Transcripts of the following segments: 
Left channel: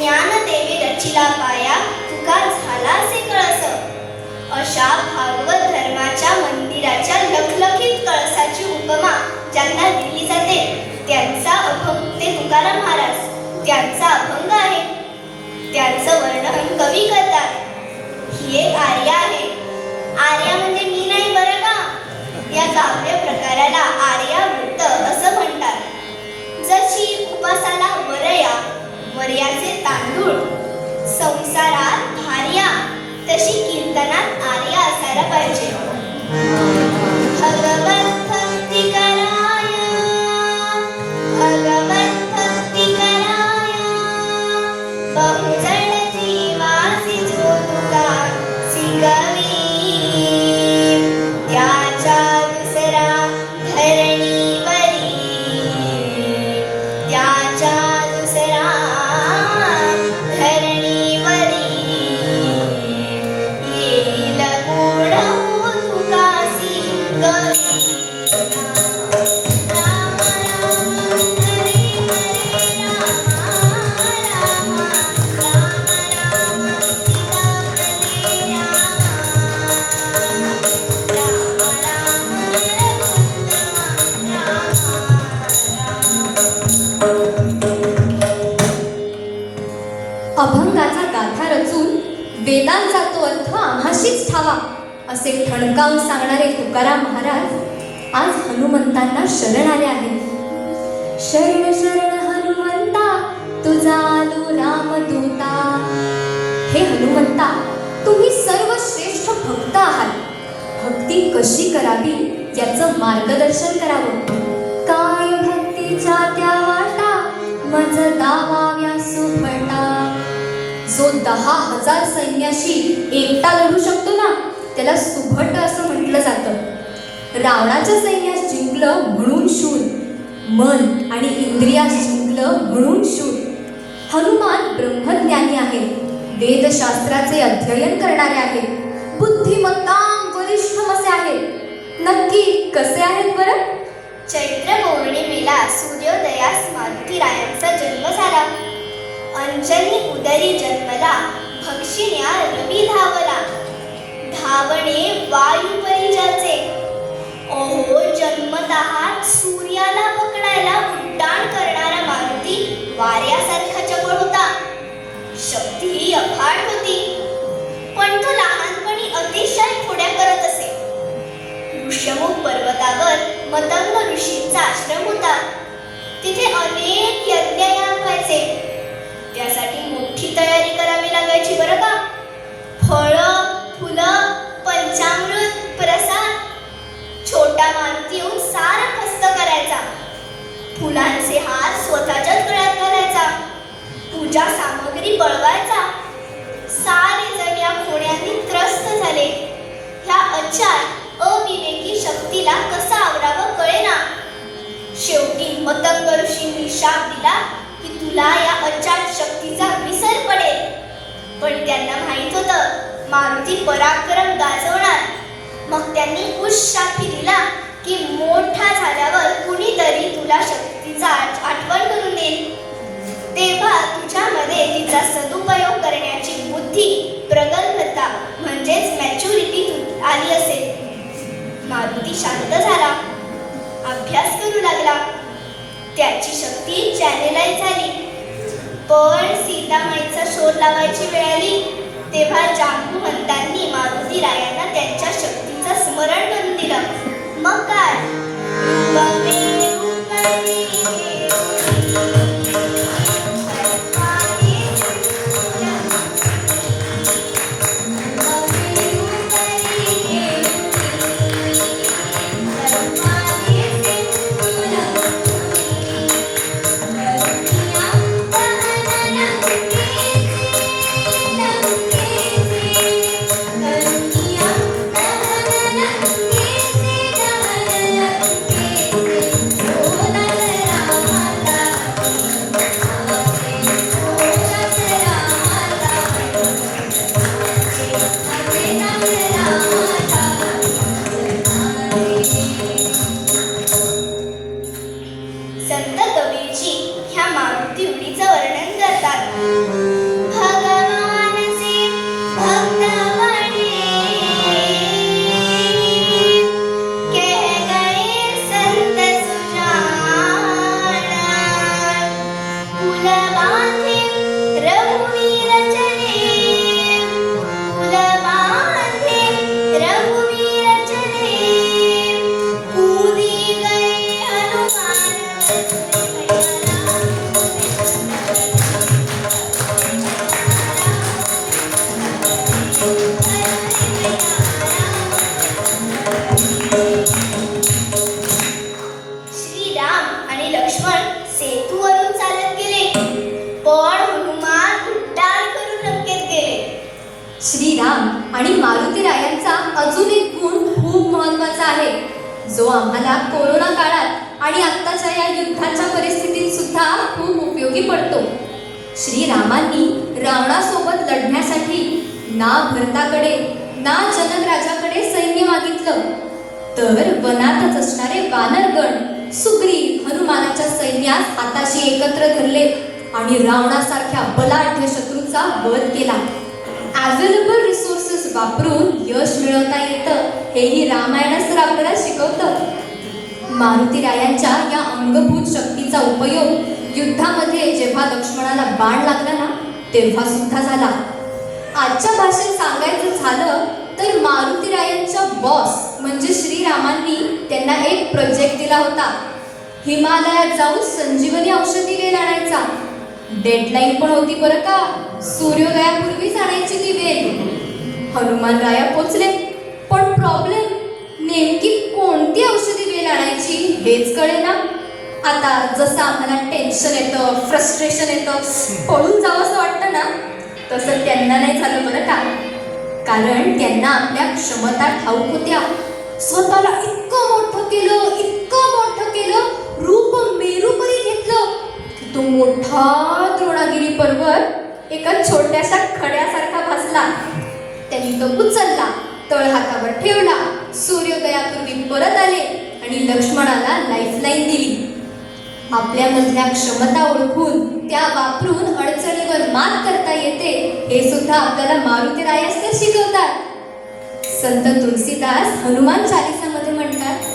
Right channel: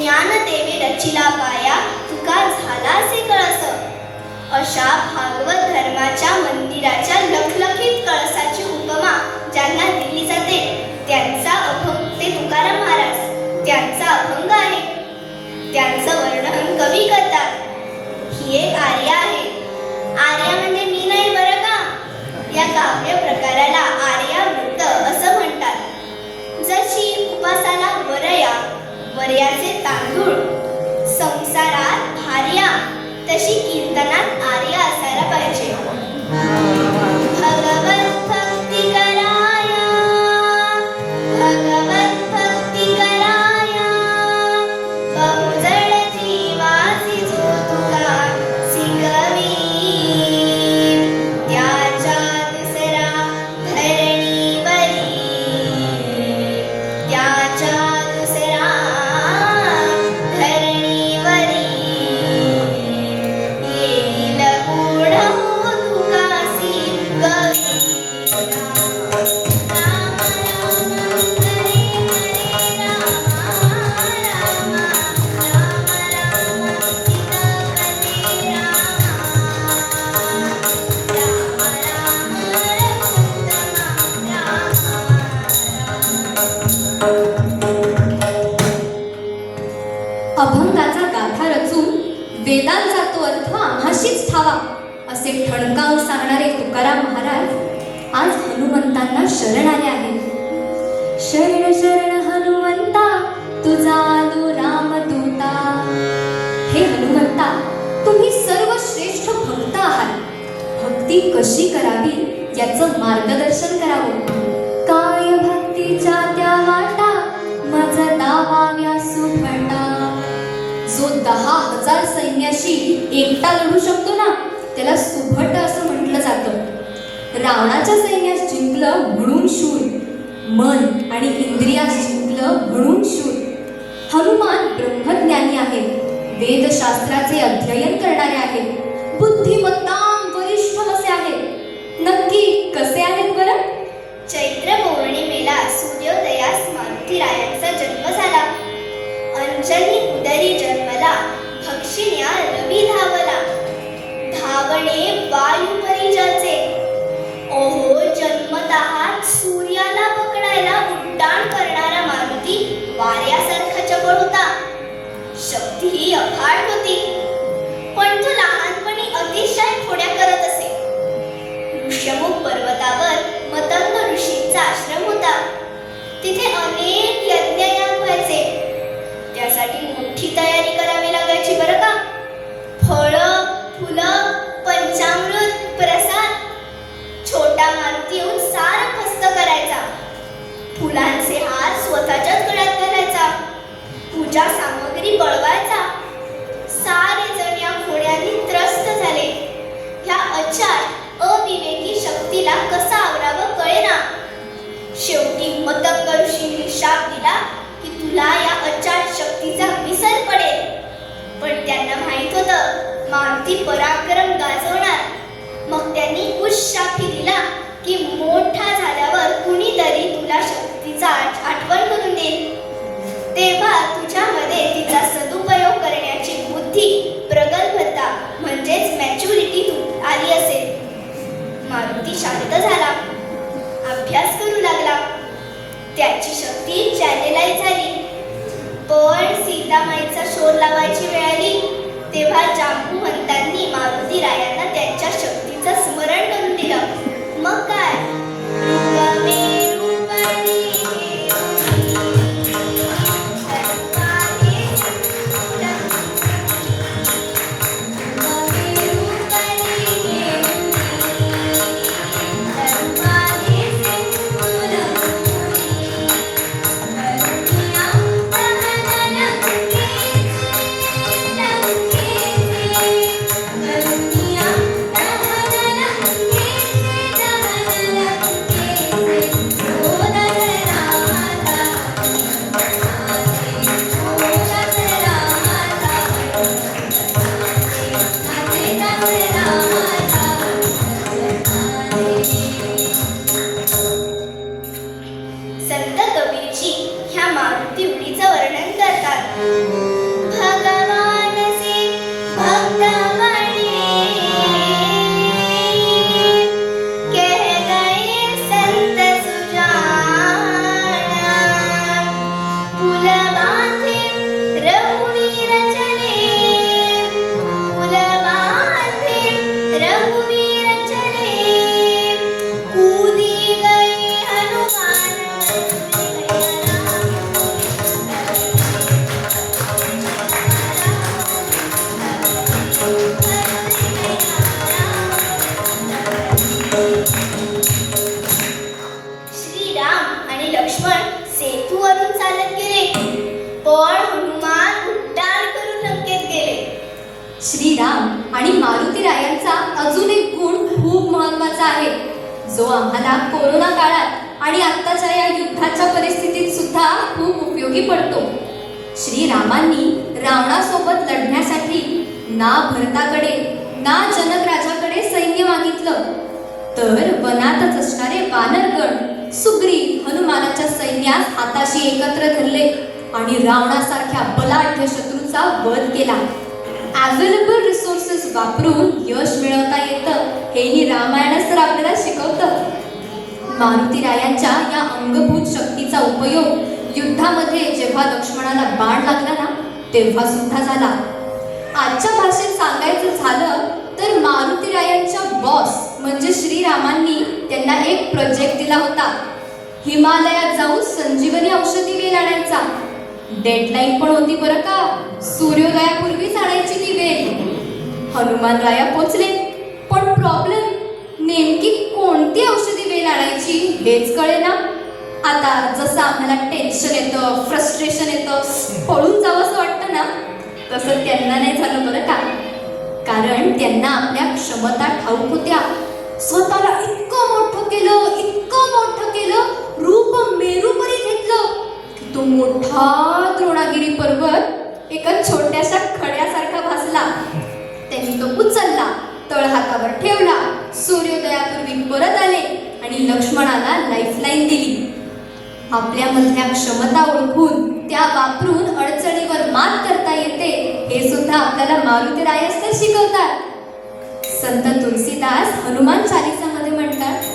ज्ञानदेवी रचिला पाया तुका झालासे कळस. अशा भागवत धर्माच्या मंदिराच्या लखलखीत कळसाची उपमा ज्यांना दिली जाते त्यांचा अभंग ते तुकाराम महाराज त्यांचा अभंग आहे. त्यांचं वर्णन कवी करतात. ही एक आर्या आहे. आर्या म्हणजे मी नाही बरं का. या काव्य प्रकाराला आर्यावृत्त असं म्हणतात. जशी उपासाला वरया वरयाचे तांदूळ संसारात धार्या तशी कीर्तनात आर्या असायला पाहिजे. भगवत भक्ती कराया भगवत भक्ती कराया बहुजन जीवासी जो तुका सिंगवी त्याच्या दुसरा धरणीवरी त्याच्या दुसरा धरणीवरी येईल गुण तुका सिंगवी. अभंगाचा गाथा रचून वेदांचा तो अर्थ आम्हाशीच ठावा असे ठणकावून सांगणारे तुकाराम महाराज आज हनुमंतांना शरण आले आहेत. शरण शरण हनुमंता तुझा आलो रामदूता. हे हनुमंता, तुम्ही सर्वश्रेष्ठ भक्त आहात. भक्ती कशी करावी याचं मार्गदर्शन करावं. काय भक्तीच्या त्या वाटा मज दावाव्या सुभटा. जो 10,000 सैन्याशी एकटा लढू शकतो ना त्याला सुभट असं म्हटलं जातं. रावणाच्या सैन्यास जिंकलं म्हणून शूर, मन आणि इंद्रियास जिंकलं म्हणून शूर. हनुमान ब्रह्मज्ञानी आहेत, वेदशास्त्राचे अध्ययन करणारे आहेत, बुद्धिमत्ताम वरिष्ठम असे आहेत. नक्की कसे आहेत बरं? चैत्र पौर्णिमेला सूर्योदयास मारुतीरायांचा जन्म झाला. अंजनी उदरी जन्मला भक्षिण्या रवी धावला. धावणे वायू परिजाचे. ओहो जन्मतः सूर्याला पकडायला उड्डाण करणारा मारुती वाऱ्यासारखा चपळ होता. शक्तीही अफाट होती. पण तो लहानपणी अतिशय खोड्या करत असे. ऋष्यमुख पर्वतावर मतंग ऋषींचा आश्रम होता. तिथे अनेक यज्ञयाग व्हायचे. त्यासाठी मोठी तयारी करावी लागायची बरं का. फळं, फुलं, पंचामृत, प्रसाद. छोटा मारुती येऊन सारं फस्त करायचा. फुलांचे हार स्वतःच्याच गळ्यात घालायचा. पूजा सामग्री बळवायचा. सारे जण या खोड्यांनी त्रस्त झाले. ह्या अचार अविवेकी शक्तीला कसा आवरावं कळेना. शेवटी मतंग ऋषींनी शाप दिला की तुला या अचाट शक्तीचा विसर पडेल. पण त्यांना माहित होतं मारुती पराक्रम गाजवणार. मग त्यांनी उशापी दिला की मोठा झाल्यावर कुणीतरी तुला शक्तीचा आठवण करून देईल. तेव्हा तुझ्यामध्ये तिचा सदुपयोग करण्याची बुद्धी, प्रगल्भता म्हणजेच मॅच्युरिटी आली असेल. मारुती शांत झाला, अभ्यास करू लागला. त्याची शक्ती चॅनेलाइज झाली. पण सीतामाईचा शोध लावायची वेळ आली तेव्हा जांबुवंतांनी मारुतीरायांना त्यांच्या शक्तीचं स्मरण करून दिलं. मग काय महत्वाचा आहे, जो आम्हाला कोरोना काळात आणि आत्ताच्या या युद्धाच्या परिस्थितीत सुद्धा खूप उपयोगी पडतो. श्रीरामांनी रावणासोबत लढण्यासाठी ना भरताकडे ना जनक राजाकडे सैन्य मागितलं, तर वनातच असणारे वानरगण सुग्रीव हनुमानाच्या सैन्यास हाताशी एकत्र धरले आणि रावणासारख्या बलाढ्य शत्रूचा वध केला. अवेलेबल रिसोर्सेस वापरून यश मिळवता येतं हेही रामायणच तर आपल्याला शिकवतं. मारुतीरायांच्या या अंगभूत शक्तीचा उपयोग युद्धामध्ये जेव्हा लक्ष्मणाला बाण लागला ना, तेव्हा सुद्धा झाला. आजच्या भाषेत सांगायचं झालं तर मारुतीरायांच्या बॉस म्हणजे श्रीरामांनी त्यांना एक प्रोजेक्ट दिला होता. हिमालयात जाऊन संजीवनी औषधी वेल आणायचा. डेडलाईन पण होती बरं का, सूर्योदयापूर्वीच आणायची ती वेल. हनुमान राया पोचले, पण प्रॉब्लेम नेमकी कोणती औषधी वेल आणायची हेच कळेना. आता जसं आम्हाला टेन्शन येतं, फ्रस्ट्रेशन येतं, पळून जावंसं वाटतं ना, तसं त्यांना नाही झालं बरं का. कारण त्यांना आपल्या क्षमता ठाऊक होत्या. स्वतःला इतकं मोठं केलं, रूप मेरूपरी घेतलं, तो मोठा द्रोणागिरी पर्वत एका छोट्याशा खड्यासारखा भासला. त्यांनी तो उचलला, तळहातावर ठेवला, सूर्योदयापूर्वी परत आले आणि लक्ष्मणाला लाईफलाईन दिली. आपल्यामधल्या क्षमता ओळखून त्या वापरून अडचणीवर मात करता येते हे सुद्धा आपल्याला मारुतीरायच तर शिकवतात. संत तुलसीदास हनुमान चालीसामध्ये म्हणतात,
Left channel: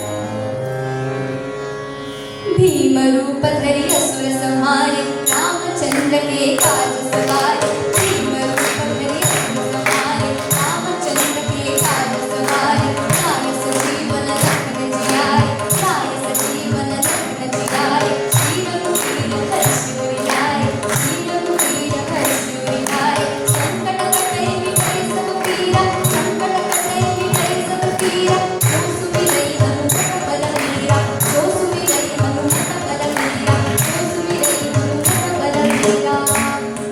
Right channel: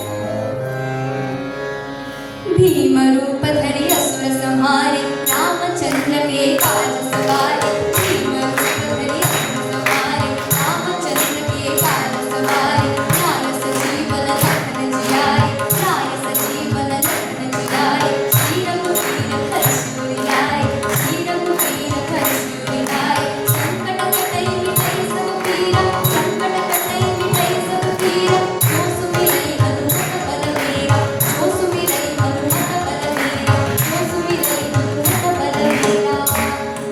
भीम रूप धरी असुर संहारे, रामचंद्र के काज सवारे. भीम रूप धरी असुर संहारे, रामचंद्र के काज सवारे. राय सजीवन लखन जियारे, राय सजीवन लखन जियारे. श्री रघुवीर हर्षि लाए, श्री रघुवीर हर्षि लाए. संकट कटै मिटै सब पीरा, संकट कटै मिटै सब पीरा. जो सुमिरै हनुमत बलबीरा, जो सुमिरै हनुमत बलबीरा, जो सुमिरै हनुमत बलबीरा.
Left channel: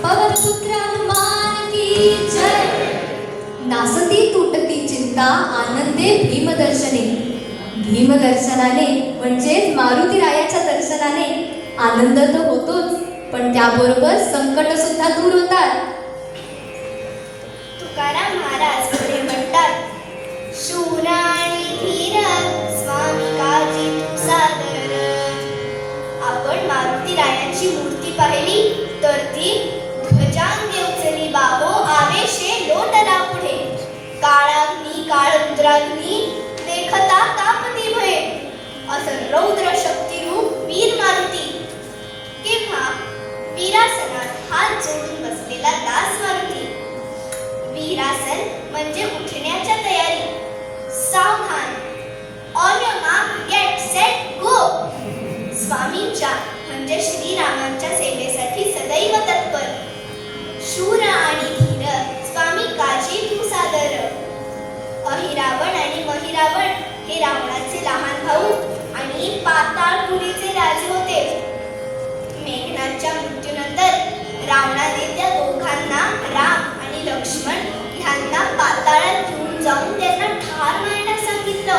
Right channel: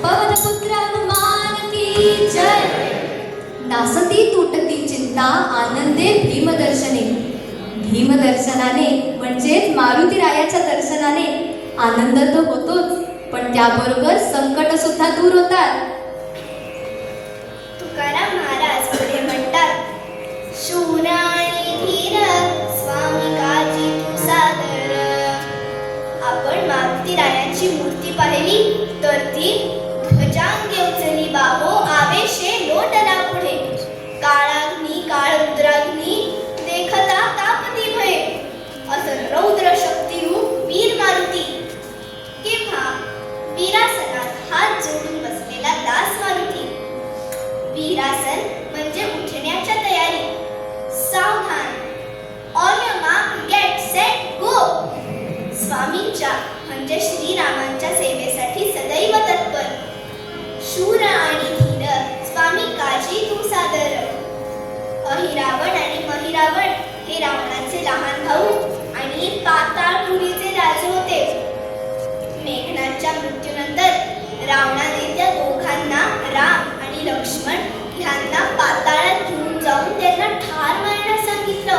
पवनपुत्र हनुमान की जय. नासती तुटती चिंता, आनंदे भीमदर्शने. भीमदर्शनाने म्हणजेच मारुतीरायाच्या दर्शनाने आनंद तर होतोच, पण त्याबरोबर संकट सुद्धा दूर होतात. तुकाराम महाराज पुढे म्हणतात, शूर आणि धीर स्वामी काजी तू सादर. आपण मारुतीरायांची मूर्ती पाहिली तर ती ध्वजांगी उचली बाबो, आवेशे लोटला पुढे. काळाग्नी काळ रुद्राग्नी देखता तापती भये, असं रौद्र शक्तिरूप वीर मारुती. किंवा वीरासनात हात जोडून बसलेला दास मारुती. वीरासन म्हणजे उठण्याच्या तयारी. सावधान, on your mark, get set go. स्वामींच्या म्हणजे श्रीरामांच्या सेवेसाठी सदैव तत्पर. शूर आणि धीर स्वामी काजी तू सादर. अहिरावण आणि महिरावण हे रावणाचे लहान भाऊ आणि पाताळपुरीचे राजे होते. मेघनादच्या मृत्यूनंतर रावणाने त्या दोघांना, राम आणि लक्ष्मण ह्यांना पाताळात घेऊन जाऊन त्यांना ठार मारण्यास सांगितलं.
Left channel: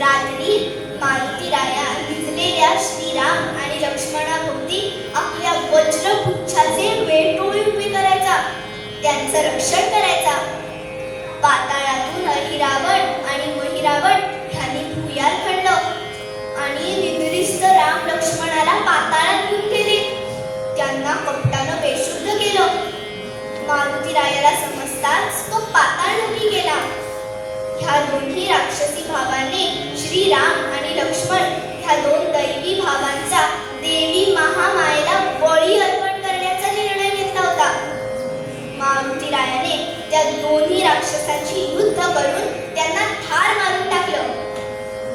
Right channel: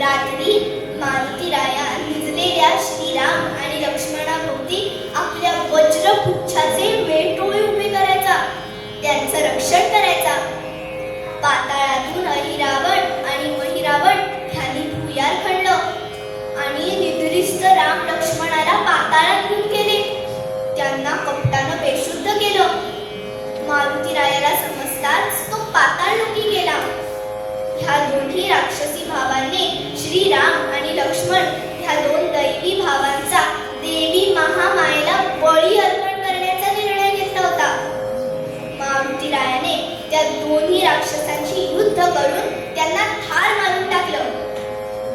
रात्री मारुतीराया भिजलेल्या श्रीराम आणि लक्ष्मणाभोवती आपल्या वज्रपुच्छाचे वेटोळे उभे करायचा, त्यांचं रक्षण करायचा. पाताळातून अहिरावण आणि महिरावण ह्यांनी भुयार खणलं आणि निद्रिस्त राम लक्ष्मणाला पाताळात घेऊन गेले. त्यांना कपटानं बेशुद्ध केलं. मारुतीरायाला समजताच तो पाताळलोकी गेला. ह्या दोन्ही राक्षसी भावाने श्रीराम आणि लक्ष्मण ह्या दोन दैवी भावांचा देवी महामायेला बळी अर्पण करण्याचा निर्णय घेतला होता. मारुतीरायाने त्या दोन्ही राक्षसांची युद्ध करून त्यांना ठार मारून टाकलं.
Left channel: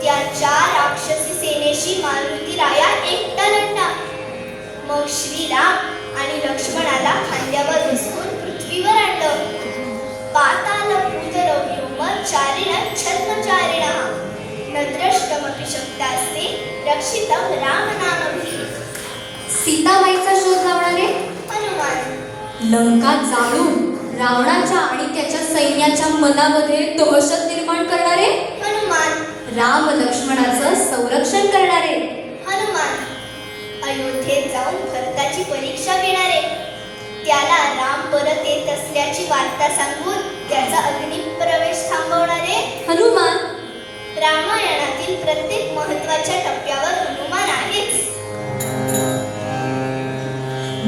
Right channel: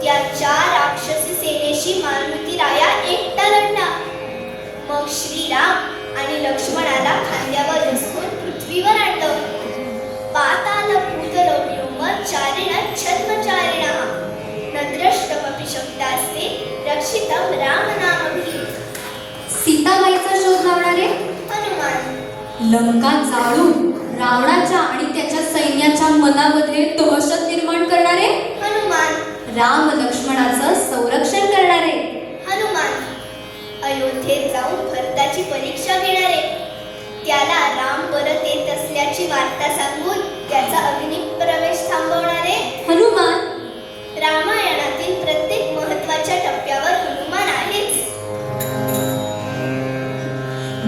त्या 4 राक्षसी सेनेशी मारुतीराया एकटा लढला. मग श्रीराम आणि लक्ष्मणाला खांद्यावर बसवून पृथ्वीवर आणलं. पाताल भूतरव्योम चारिण छद्मचारिणः न द्रष्टमपि शक्तास्ते रक्षितं रामनामभिः. सीताबाईचा शोध लावणारे हनुमान. लंका जाळून रावणाच्या आणि त्याच्या सैन्याच्या मनामध्ये दहशत निर्माण करणारे हनुमान. राम लक्ष्मणाचं संरक्षण करणारे. हनुमान अयोध्येत जाऊन भरताची परीक्षा घेणारे, त्याला राम परत येत असल्याची वार्ता सांगून त्याचा अग्निप्रवेश थांबवणारे. हनुमान रामायणातील प्रत्येक महत्वाच्या टप्प्यावर हनुमान आहेच.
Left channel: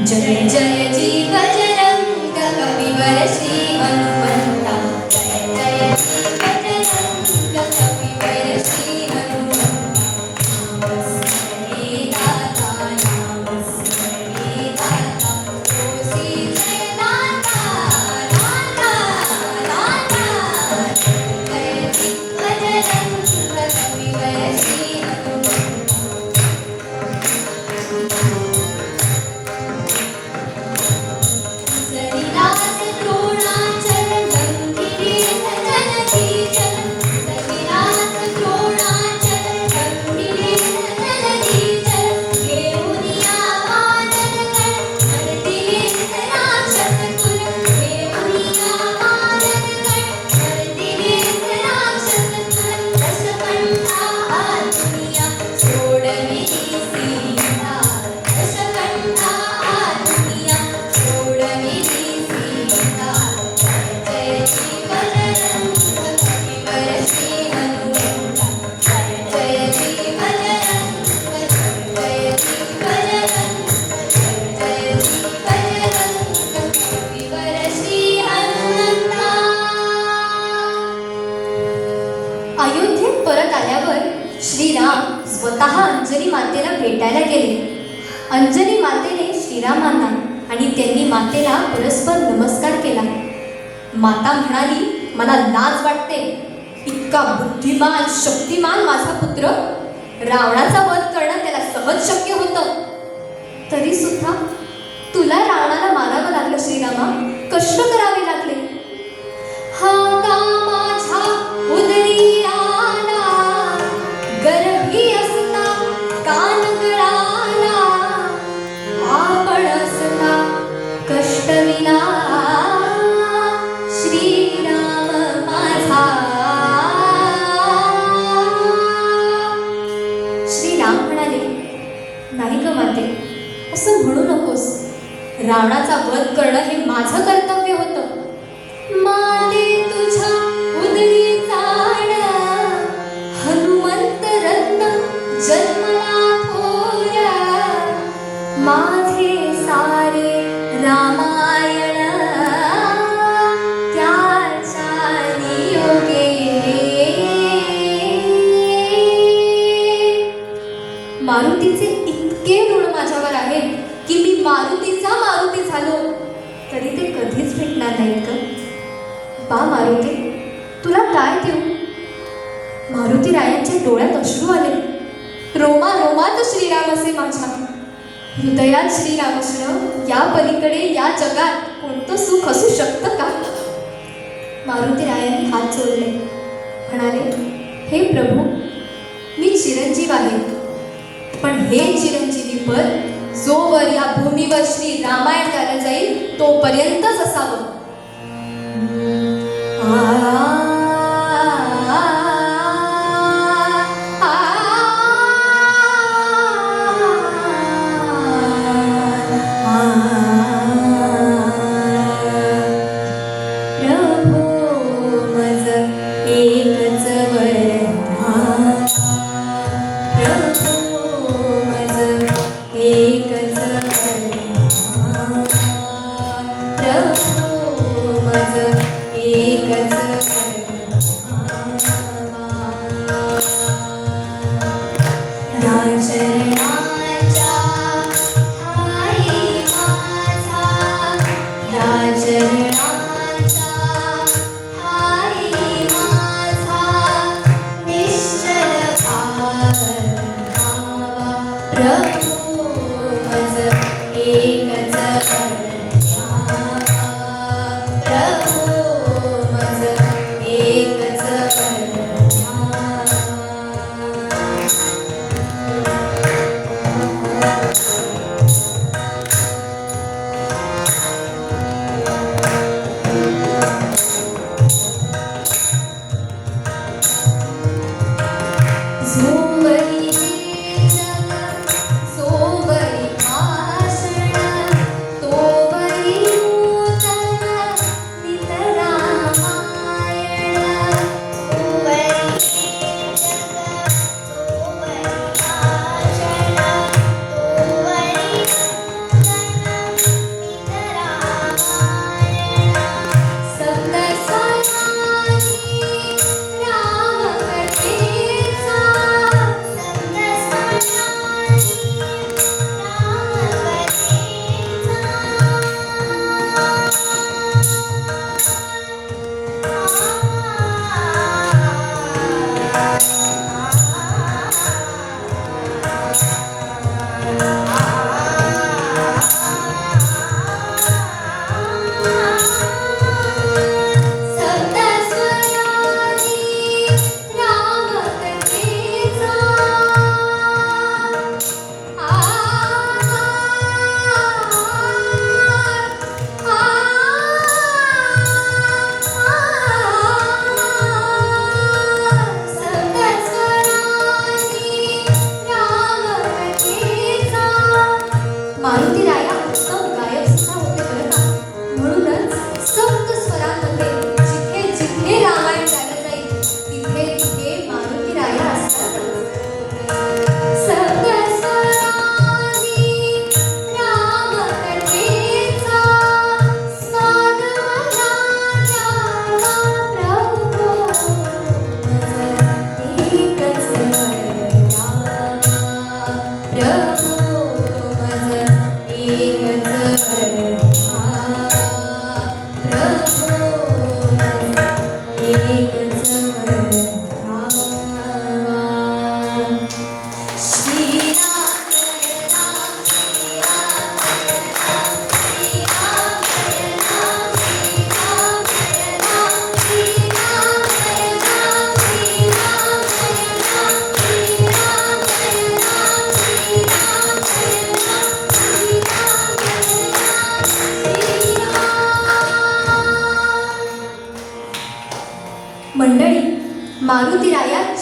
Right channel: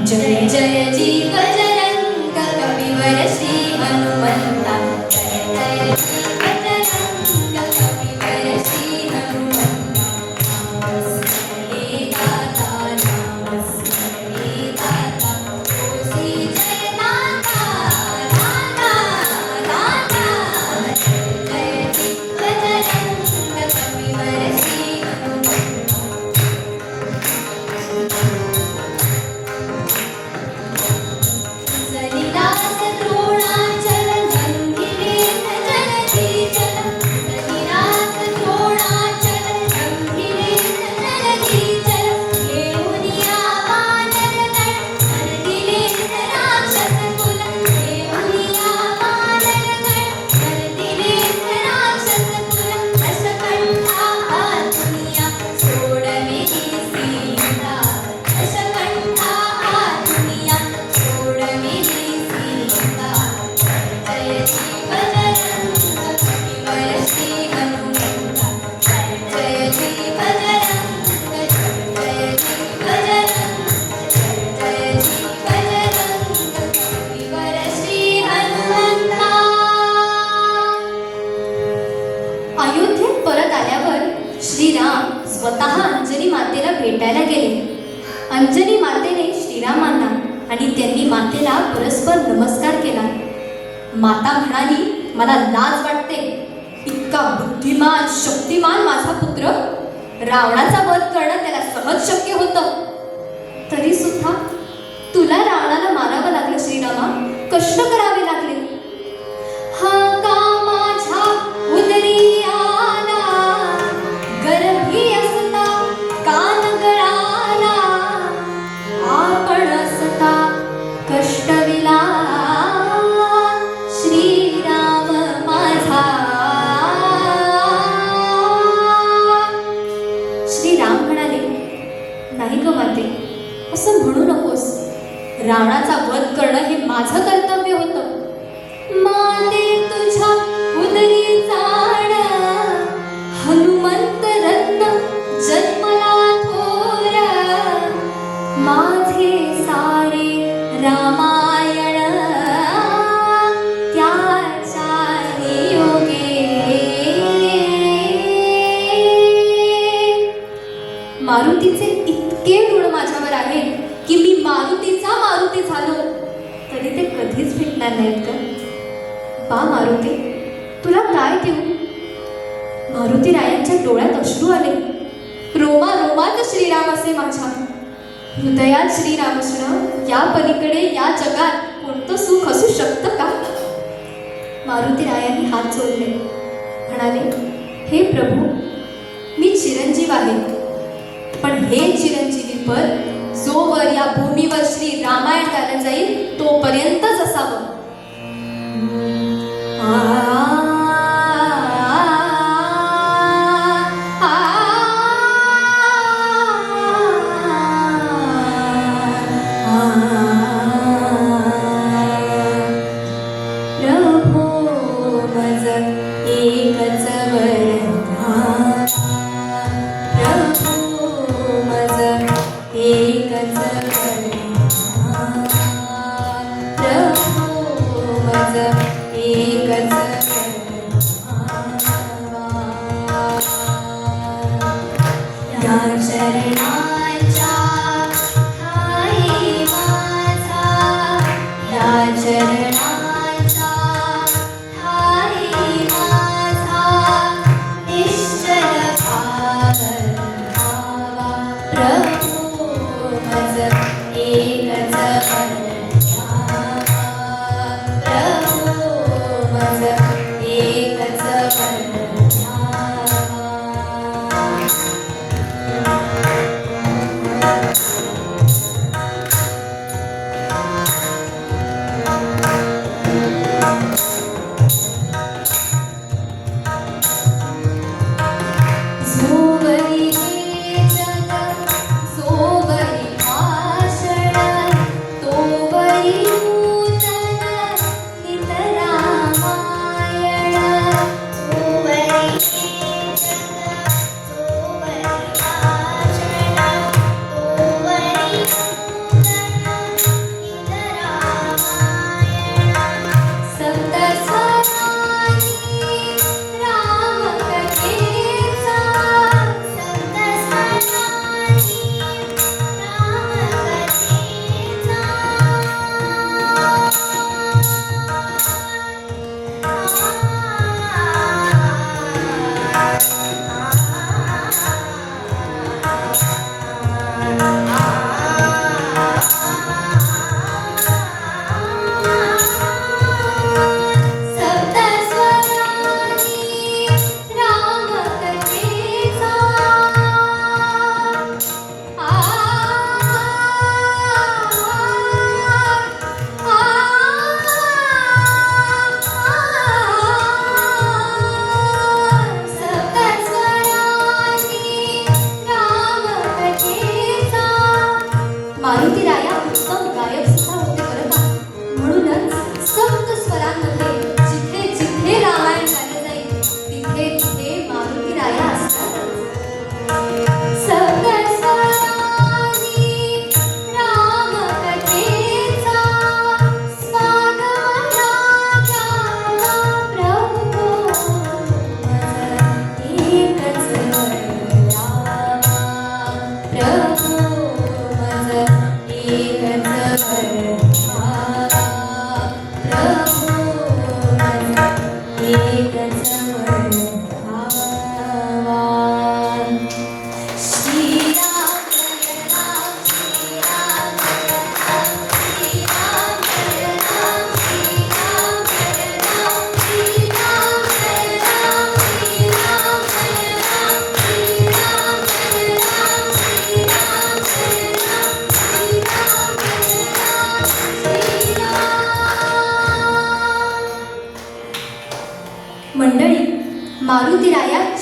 जय जय जीव जयंत कविवर श्री हनुमंता. जय जय जीव जयंत कविवर श्री हनुमंता. नमस्ते दाता नमस्ते दाता तुझी जय दाता दाता दाता. जय जीव जयंत कविवर श्री हनुमंता. सरिदास द्रोणाचल गंभीरे सजनती चल. सरिदास द्रोणाचल गंभीरे सजनती चल. घेऊनिया वानरगण हरतिले राक्षस कुल. घेऊनिया वानरगण हरतिले राक्षस कुल. दशकंठा आजुनिया सोडविली सीता. दशकंठा आजुनिया सोडविली सीता. जय जीव जयंत कविवर श्री हनुमंता. जय जीव जयंत जय जीव जयंत जय जीव जयंत कविवर श्री हनुमंता. अयोध्येत परत आल्यावर श्रीराम स्वतः अंजनी मातेला भेटायला गेले. अंजनी मातेने श्रीरामांना आणि त्यांनी मातेला परस्पर नमस्कार केला. माता म्हणाली, मला लाज वाटते. इतका बुद्धिमान शक्तिमान माझा पुत्र, रावणाचा वध करणं त्याला सहज शक्य होतं. तरी सुद्धा तुला रावणाला मारावं लागलं श्रीरामा. कष्ट करावे लागले. हा का माझ्या उदरी आला, गर्भी असता कान गळाला. आपण असता कष्टविला श्रीराम माझा. श्रीराम म्हणाले, नाही ग माते, असं म्हणू नकोस. रावणाचा वध करणं हे माझं कर्तव्य होतं. माते तुझ्या उदरी जाण, हनुमंत रत्न जन्मला थोर. माझे सारे रामायण त्याच्या नियोगे. मारुतीचे इतके ऋण माझ्यावर आहे की मी मारुतीचा मारुती झालो तरी ते कधीच भेटणार नाहीत ग. बा मारुती, तुला काय देऊ? मारुती रायांच्या डोळ्यात अश्रू आले. रोमा रोमात श्रीराम असे माझ्या. हृदयात श्रीराम असणं या पलीकडे या जगात कोणतं सुख असू शकतं का? मारुती रायांनी हात जोडले, म्हणाले, हे प्रभू, मी चिरंजीव आहे, पण हे चिरंजीवी पद जोवर या भूमीवर श्री रामायण गायलं जाईल तोपर्यंतच असावं.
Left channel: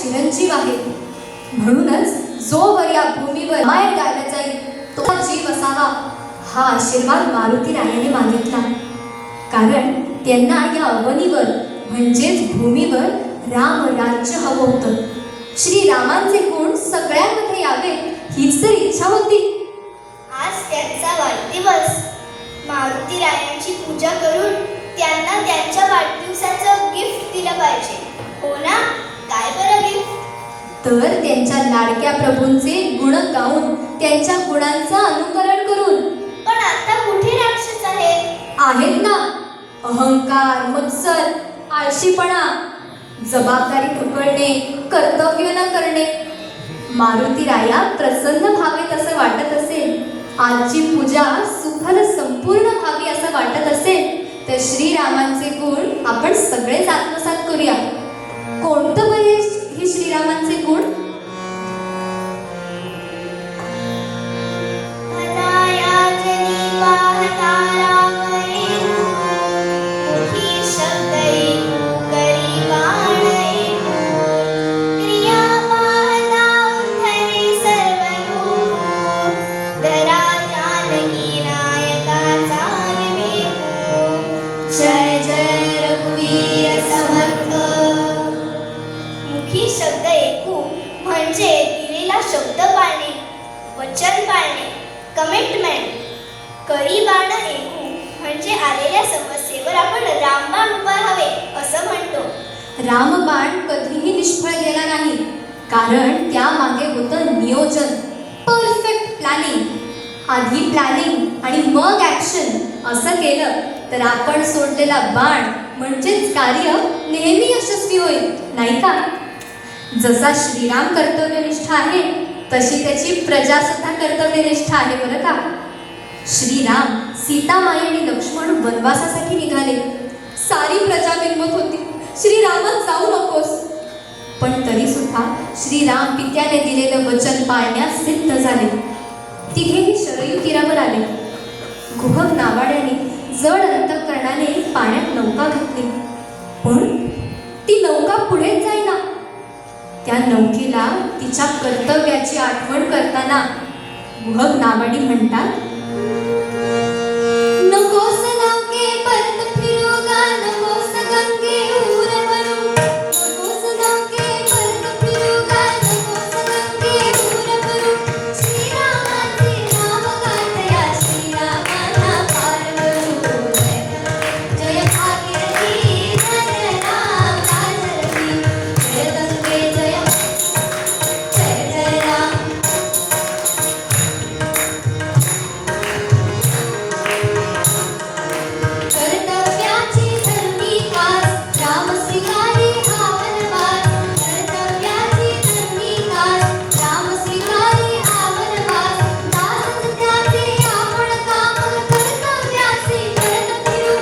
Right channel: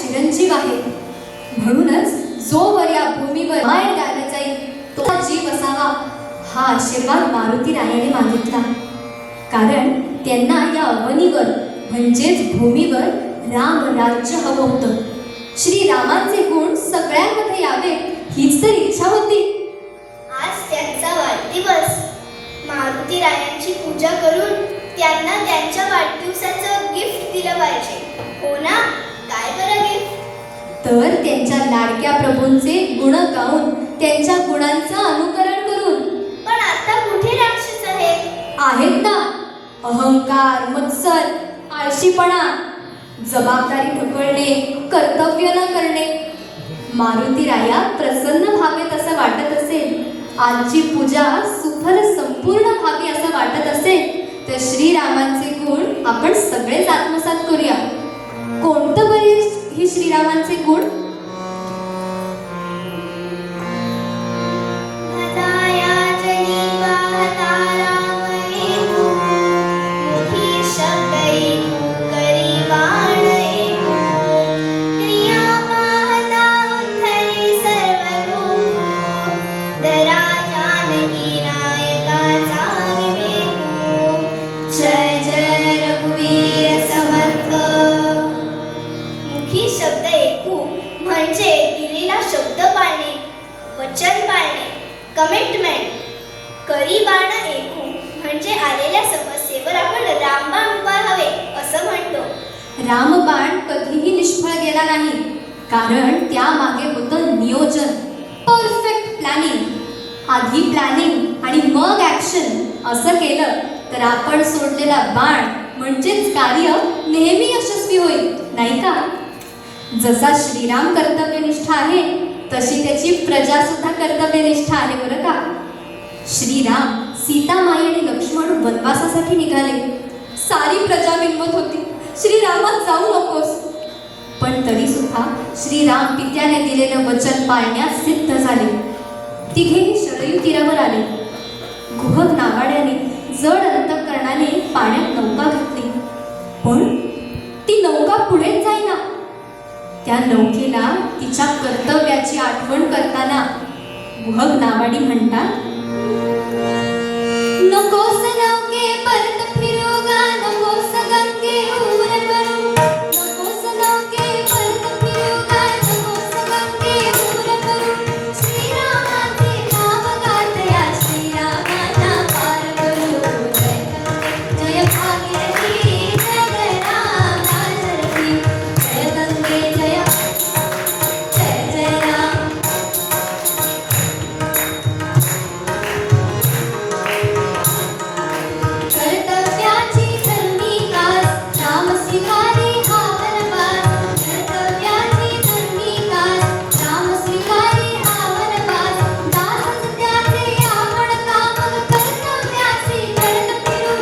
चिरंजीव आहे. म्हणूनच जोवर या भूमीवर रामायण गायला जाईल तो जीव असावा हा आशीर्वाद मारुती रायाने मागितला. कारण त्यांना या अवनीवर म्हणजेच भूमीवर राम राज्य हवं होतं. श्रीरामांचे गुण सगळ्यांमध्ये यावेत हीच तर इच्छा होती. आज त्यांचा वाढदिवस. मारुती रायांची पूजा करून त्यांना त्यांच्या वाढदिवसाचं गिफ्ट दिलं पाहिजे. हो ना? काय बरं गिफ्ट? तर त्यांच्या लाडक्या प्रभूंचे गुण गाऊन त्यांच्या गुणांचं अनुकरण करून. पण आता कुठे राक्षस आहेत ना. अहंकार, मत्सर, आळशीपणा, जबाबदारी ढकलणे, कर्तव्य न करणे. मारुती राया प्रसन्न व्हावेत असं वाटत असेल, आजची पूजा सुफल संपूर्ण व्हावी असं वाटत असेल तर श्रीरामांचे गुण आपण सगळेच आत्मसात करूया. कोणतं बरे ही श्रीरामांचे गुण? म्हणजे दिलेला शब्द पाळणे, वचन पाळणे, कमिटमेंट. करी बाण ऐकू म्हणजे आलेल्या समस्येवर आपण रामबाण उभारावे असं म्हणतो. रामबाण कधीही निष्फळ गेला नाही, कारण त्यामागे होतं नियोजन, परफेक्ट प्लॅनिंग. आधी प्लॅनिंग आणि मग ॲक्शन असं केलं तर आपण सोडलेला बाण म्हणजेच कार्य नेहमी यशस्वी होईल, नाही का? जसा श्रीराम कर्तव्यनिष्ठ आहे तशी त्याची प्रजा सुद्धा कर्तव्यनिष्ठ आहे बरं का. श्रीराम, सीतामाई आणि लक्ष्मण वनवासासाठी निघाले. सारी प्रजा विनवत होती, श्रीरामात जाऊ नकोस. पण तरी सुद्धा श्रीराम पित्याने दिलेलं वचन पाळण्यास सिद्ध झाले. तिघेही शरयू तीरावर आले. गुहक नावाड्याने जड अंतःकरणाने पाण्यात नौका घातली, पण ती नौका पुढे जाईना. त्या नौकेला तिच्या कर्तव्याची आठवण करताना गुहक नावाडी म्हणतात, नकोस नौके परत फिरू गा, नकोस गंगे ऊर करू, नकोस नौके परत फिरू गा, नकोस गंगे ऊर करू. श्रीरामाचे नाव गातया, श्रीरामाना पार करू. जय भागीरथी जय राम राजरथी, जय गंगे जय जय जय राम. कर्तव्याची धरणी कास, राम स्वीकारी हा वनवास. कर्तव्याची धरणी कास, राम स्वीकारी हा वनवास. दासच त्याचे आपण काम, कर्तव्याचे करत फिरू.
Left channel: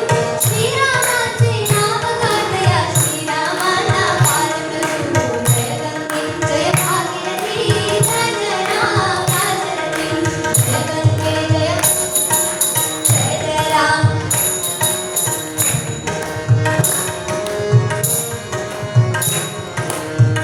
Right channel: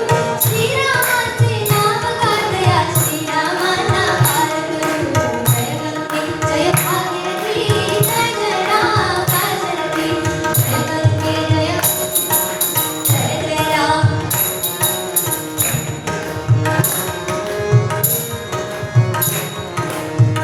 श्रीरामाचे नाव गातया, श्रीरामाना पार करू. जय गंगे जय भागीरथी जय जय राम राजरथी, जय गंगे जय जय जय राम.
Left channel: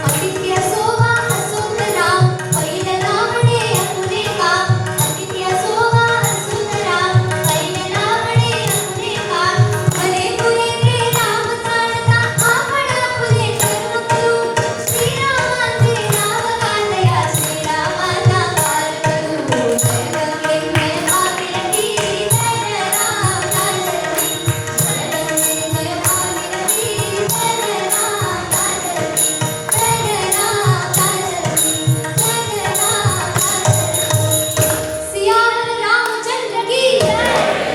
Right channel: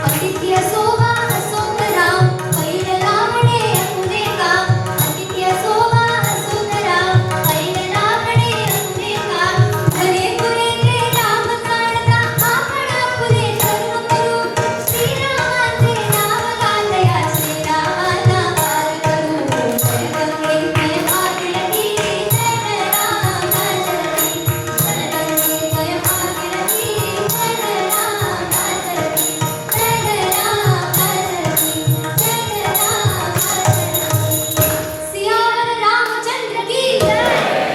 अतिथी असोवा असोत राम, ऐन रामणे अपुरे काम. अतिथी असोवा असोत राम, ऐन रामणे अपुरे काम. घरे पुरे राम जाणता, आपण अपुरे कर्म करू. श्रीरामाचे नाव गातया, श्रीरामाना पार करू. जय गंगे जय भागीरथी जय जय राम राजरथी, जय गंगे जय भागीरथी जय जय राम राजरथी, जय जय राम राजरथी, जय जय राम राजरथी. सियावर रामचंद्र की जय,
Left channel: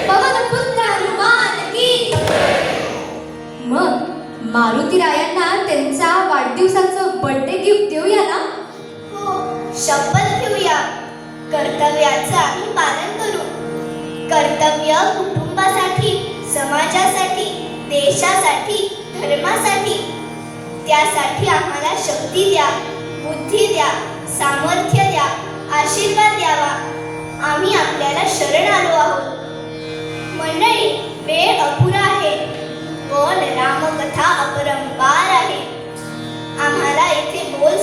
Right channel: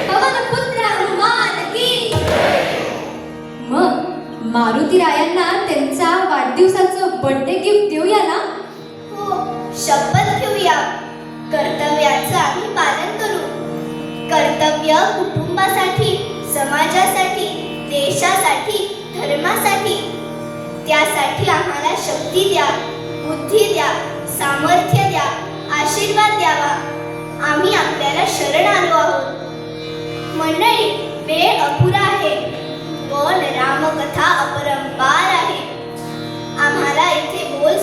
पवन पुत्र हनुमान की जय. मग मारुती रायांना त्यांच्या वाढदिवसाचं बर्थडे गिफ्ट देऊया ना. हो, शपथ घेऊया. कर्तव्याचं आम्ही पालन करू. कर्तव्य कुटुंबासाठी, समाजासाठी, देशासाठी, धर्मासाठी. त्यासाठी आम्हाला शक्ती द्या, बुद्धी द्या, सामर्थ्य द्या, आशीर्वाद द्यावा. आम्ही आपल्याला शरण आलो आहोत. मंडळी, वेळ अपुरा आहे, पण रामकथा अपरंपार आहे. आम्हाला इथे बोल